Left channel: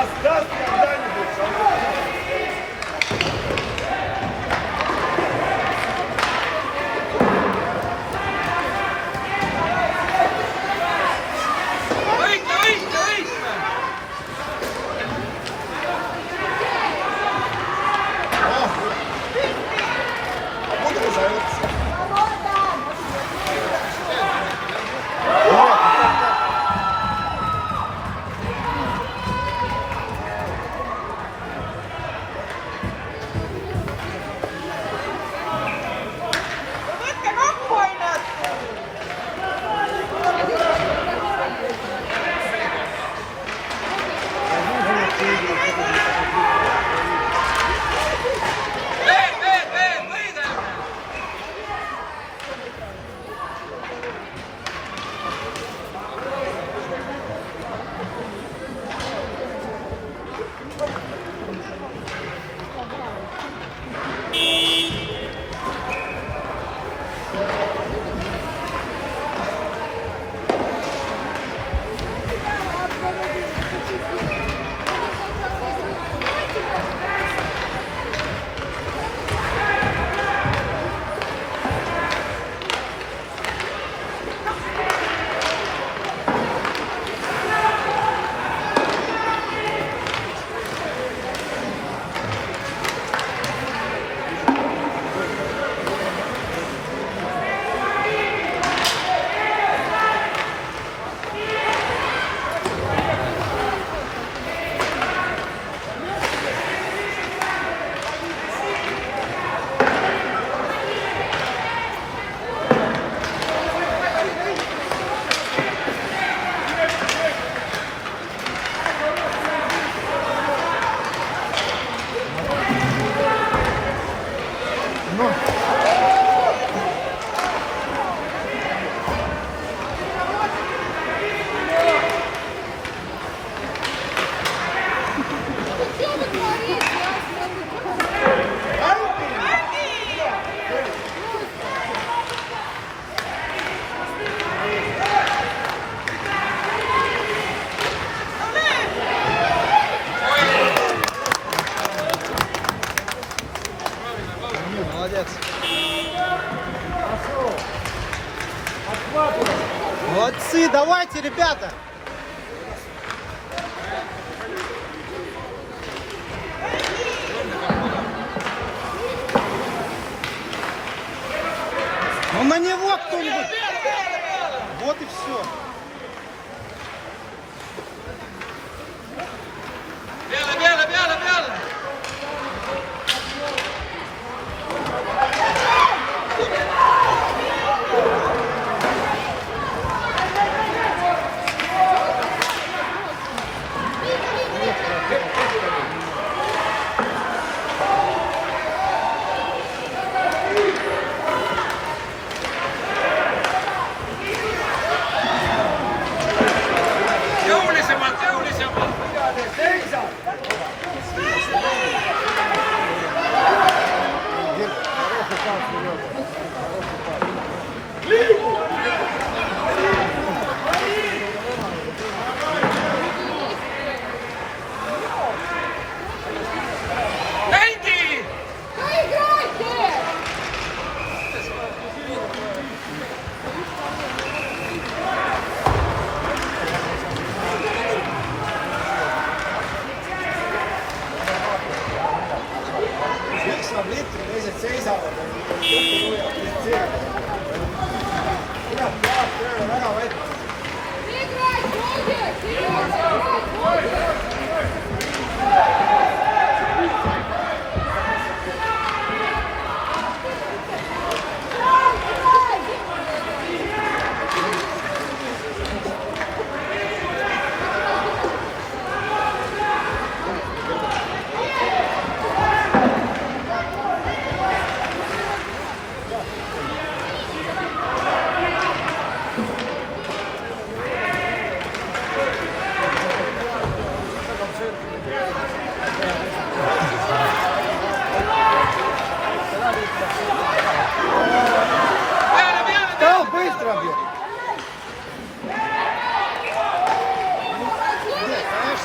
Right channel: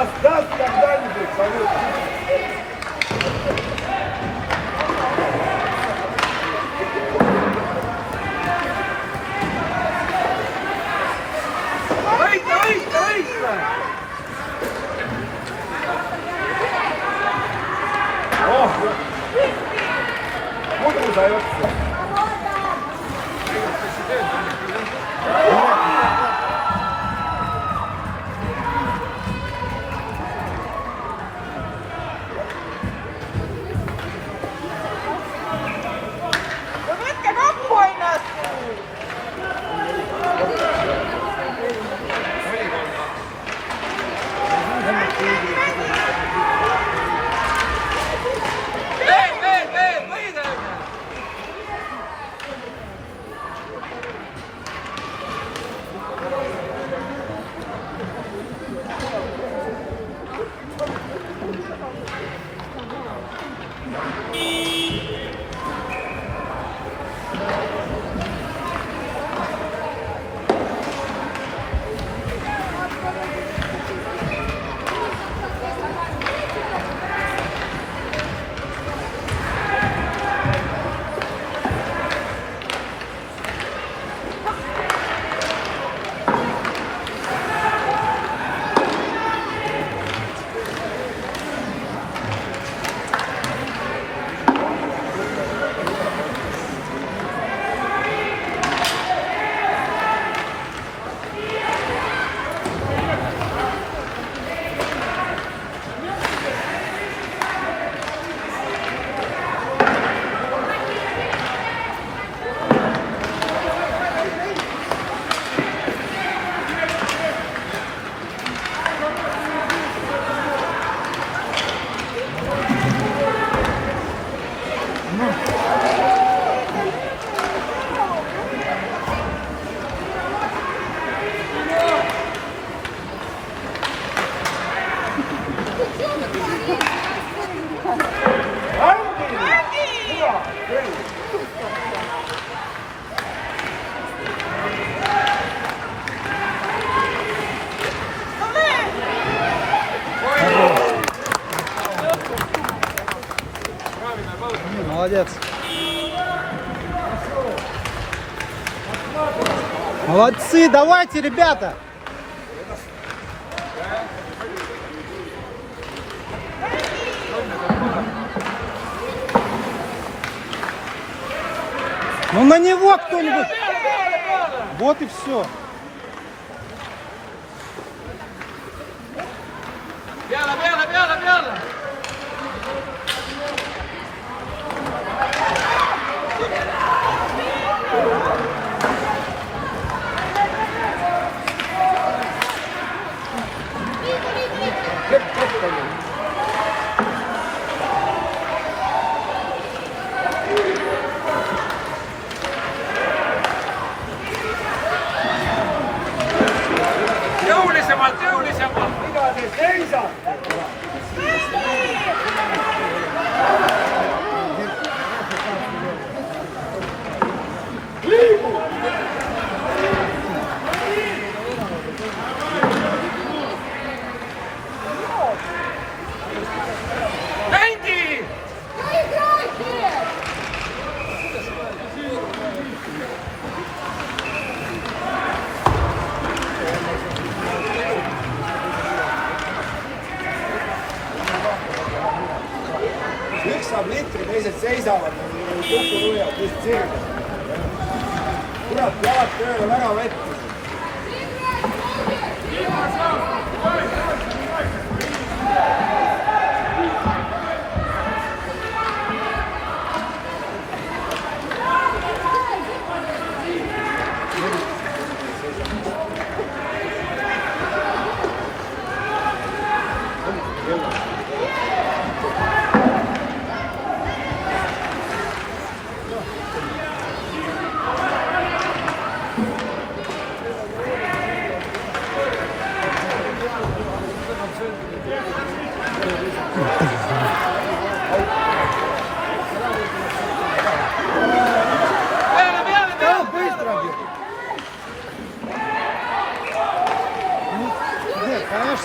Даст когда-нибудь, Санек. Молодец. Молодцы, давайте, ребята. Ну на него кто-нибудь. Вот и все. Бяла, бяла, бяла, бяла. Jõulisemalt, jõulisemalt! Seisa! Mängid! Üks saab litri, teised seisavad. Kukuruja, teised seisavad. Kurat, jalad tööle väga vett.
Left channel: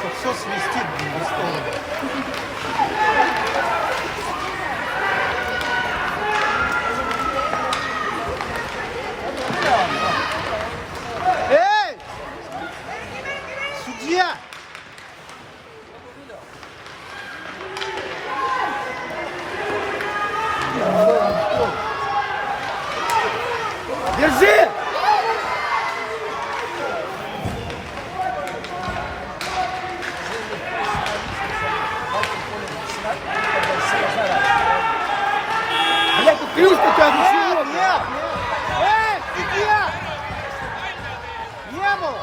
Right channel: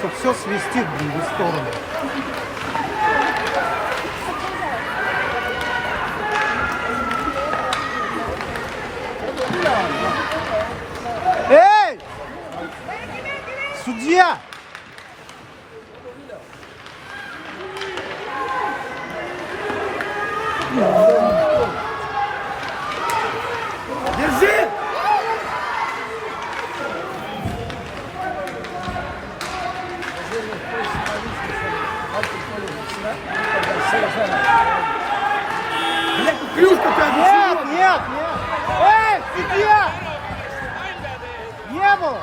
что все свистит в сторону. Эй! Судья! Держи! Блядь, тут ключ какая-то. Нет, нет! Эй, судья! Не было!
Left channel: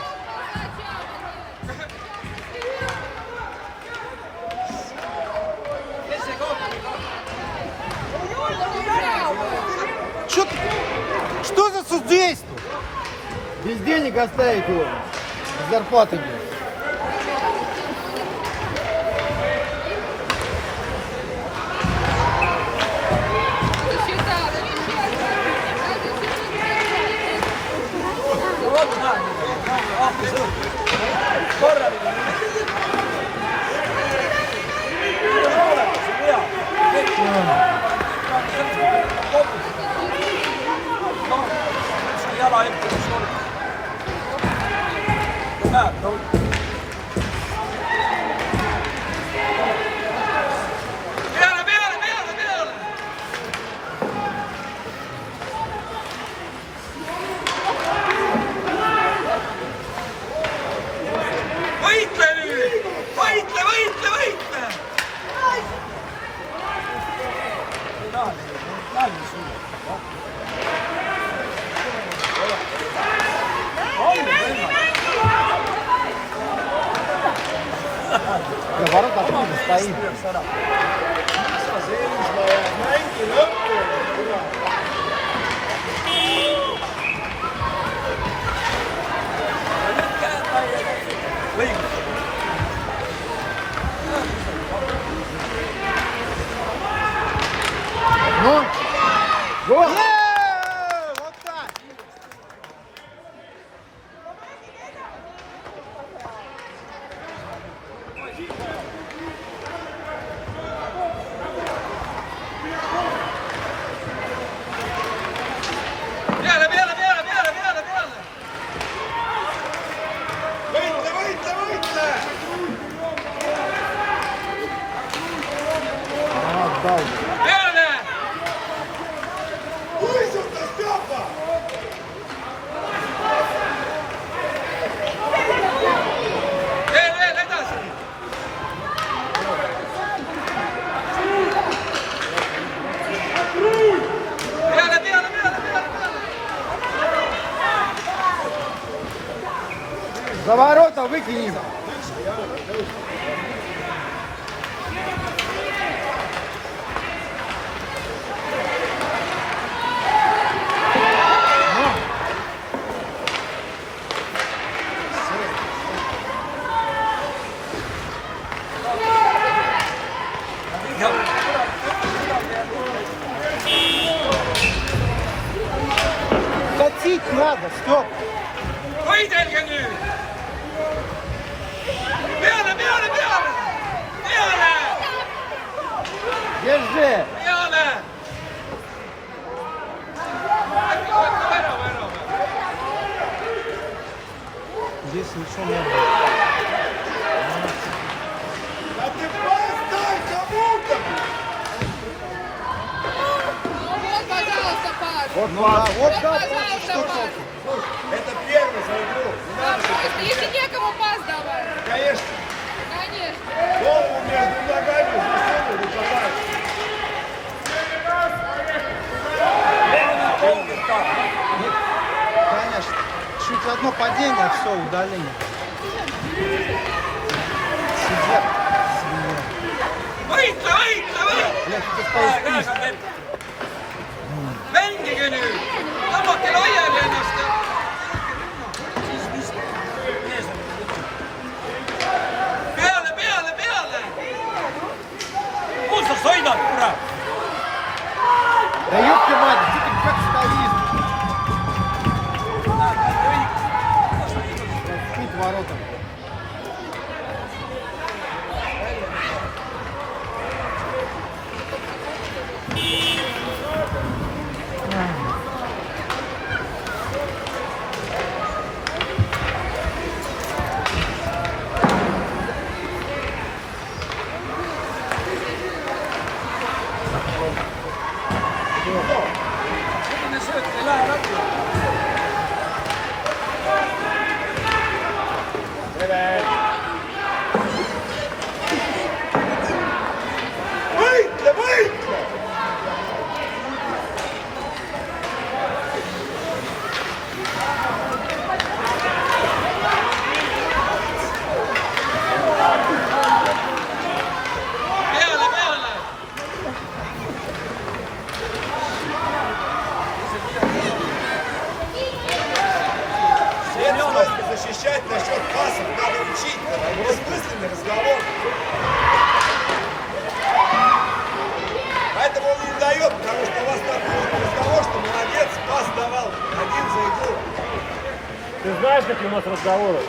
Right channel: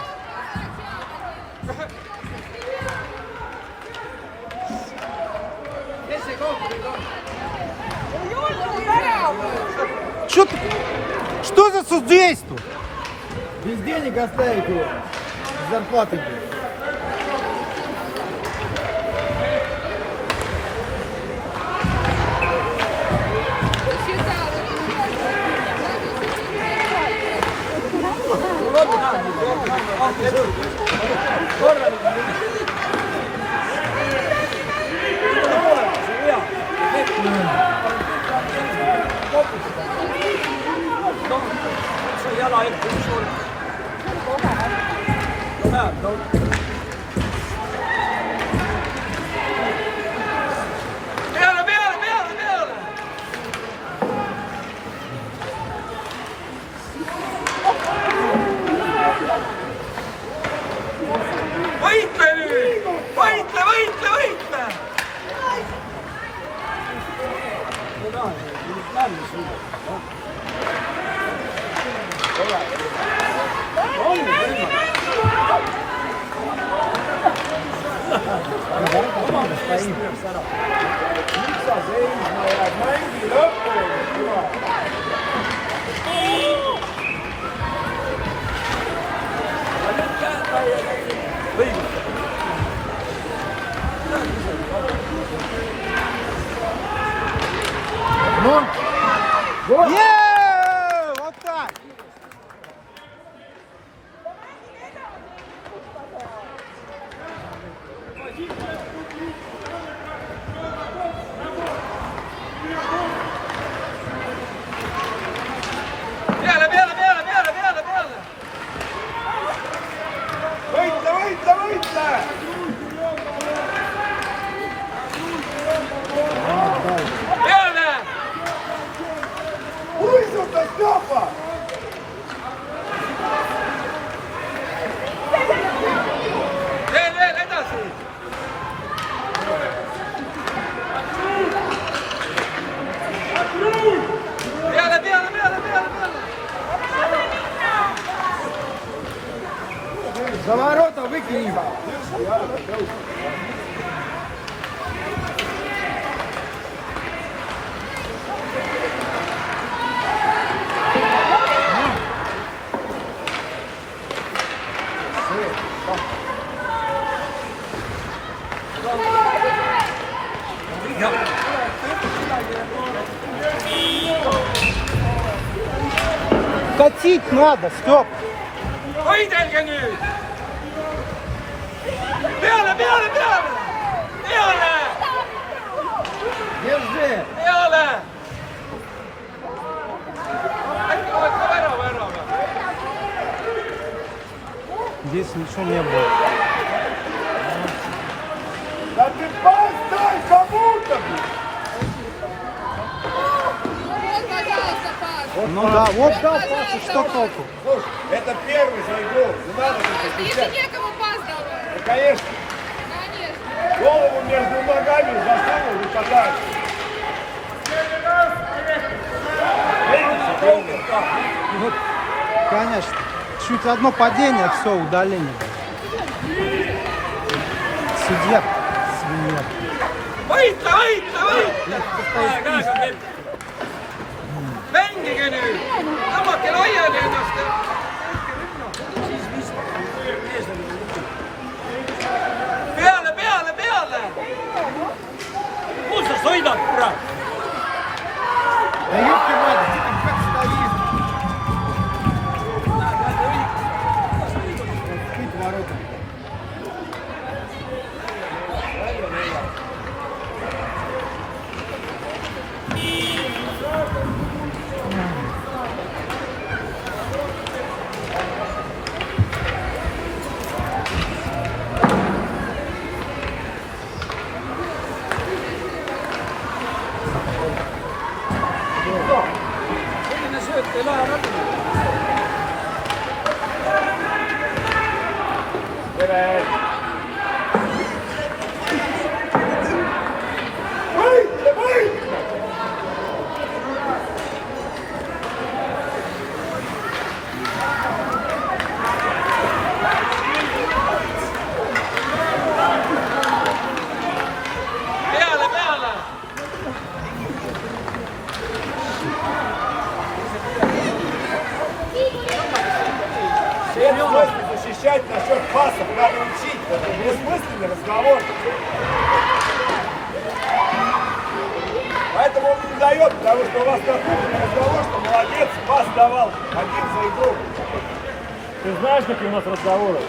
Что за судейство? Без денег оставить его. Зарплаты нет. Peale, peale, peale, peale! Võitle nüüd! Võitle, võitle, võitle! Наоборот, отлично стоим. Ну, вот. Вот так! Peale, peale, peale, peale, peale, peale! Võitle, võitle, võitle! Peale! Uisuta, Stjopa! Veel edasi! Peale, peale, peale, peale, peale! За ворота выкинем. Катить надо, Степ! Võidelge nüüd! Peale, peale, peale! Peale! Держи. Peale! Äkki oled ka värava ära või? Здесь ничего не было. А ты поставь кому-то, блядь. Ну да, вот так, что хотел. Слушай, это первый свой гол. Не надо Ты это еще кричать. некому пас давай. Конечно. Конечно. Голову между ногами засунул и подальше. Конечно. Чуть одно падение, все, удаление. Сидят. Võitle, võitle, võitle! Mängige nüüd! Tõmmake laiali ennast! Peale, peale, peale! Kus sa sõidad, kurat? Да ёпта надо, ты там как стоишь? Открыть ворота. разговор. Поэтому он не дает, потому что у вас написано разговор, что молодец, пас давал один за игру. Ты знаешь, какие у нас разговоры?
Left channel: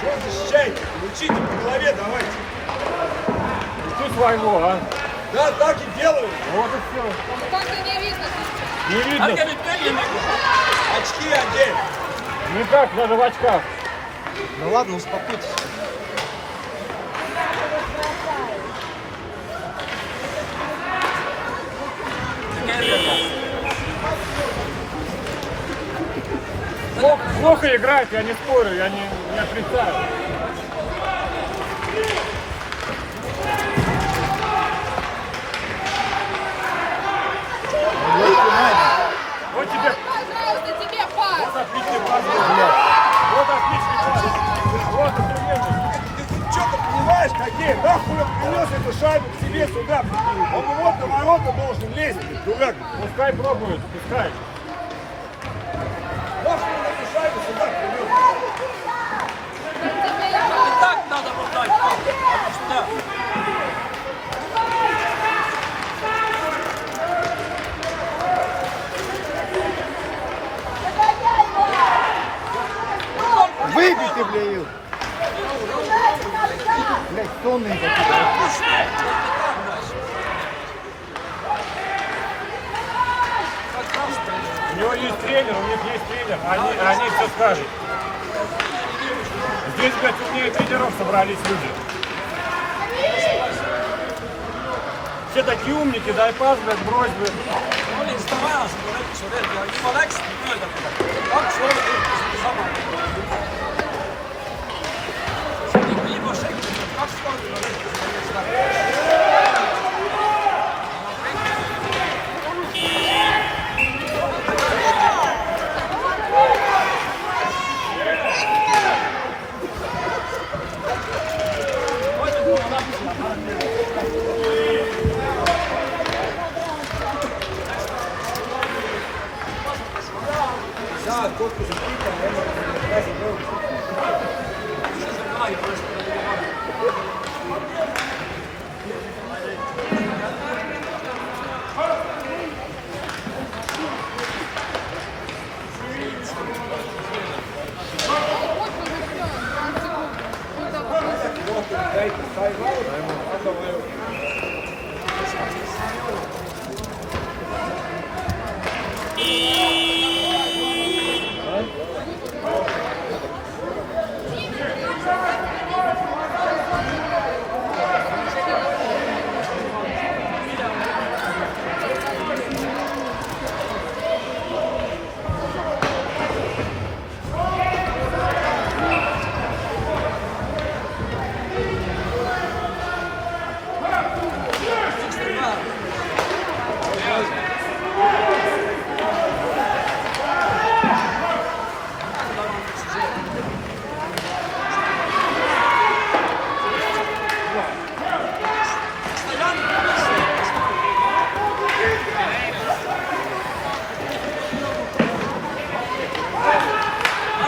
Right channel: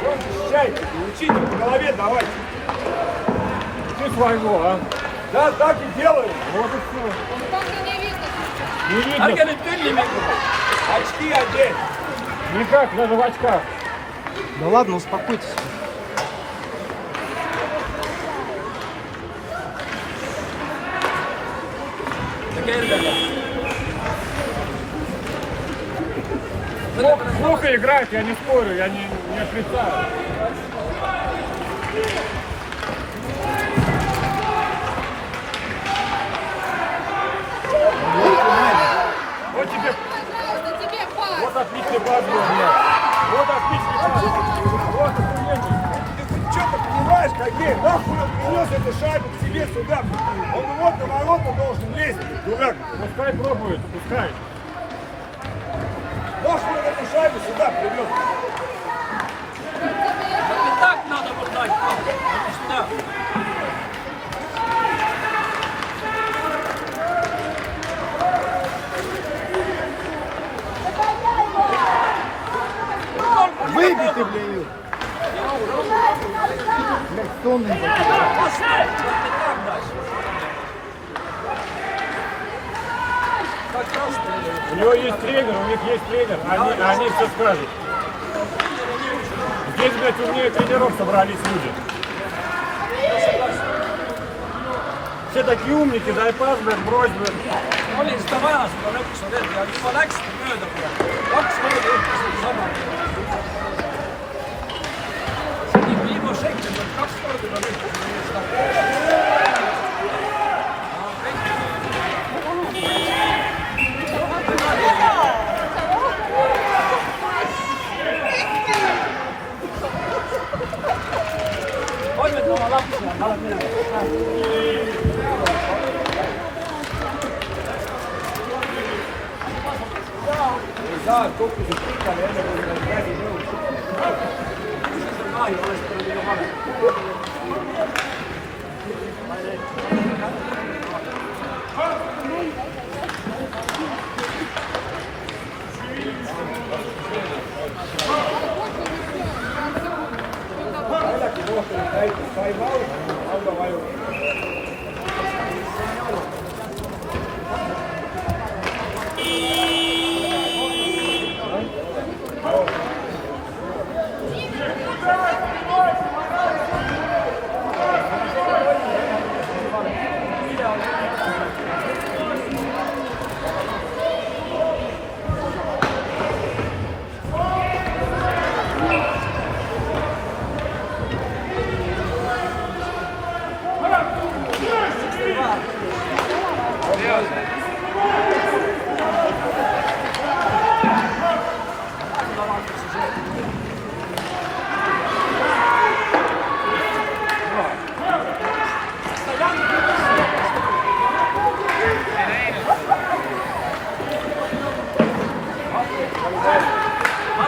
Что он защищает? Учите по голове давайте. Учи своего, а? Да, так и делаю. Вот и все. Только не видно. Не Har видно. jag inte den inne? Очки одень. Никак, надо в очках. Ну ладно, успокойтесь. Плохо играть, я не спорю, я не отрицаю. Вот тебе Пожалуйста, тебе пас. вот отличный пас был. Вот отличный пас. Просто сумели. Ты что ты понимаешь, какие? Нахуй он принес эту шайбу к себе сюда. Он вот на ворота должен лезть, дурак. Пускай пробует, пускай. Нахуй он эту шайбу сюда привез. Так надо подать. Сюда. Выбейте, бля, ее. Блядь, сонный. У него есть тренер, у них есть тренер, они все скажут. Здесь, блядь, умнее тренеров собрались люди. Все такие умники, дай пас, блядь, брось, блядь. Olin sitä vaja seda lõpus veel, aga juba läksid mööda teda. 2 hooga juhtusid sama. See oli viimase sekund, 2 korda ma lõpus seda.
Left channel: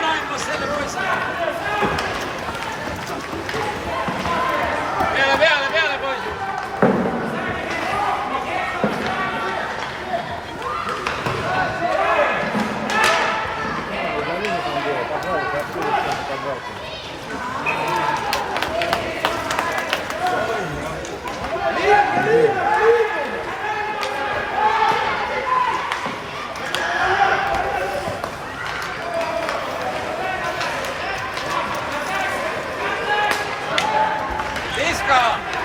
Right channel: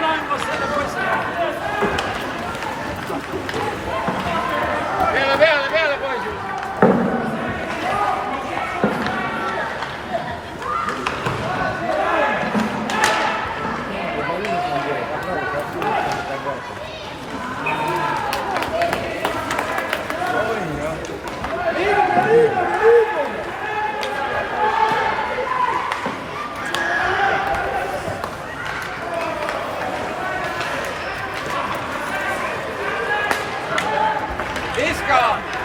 Anna selle poisile. Peale poisid. Viskaja!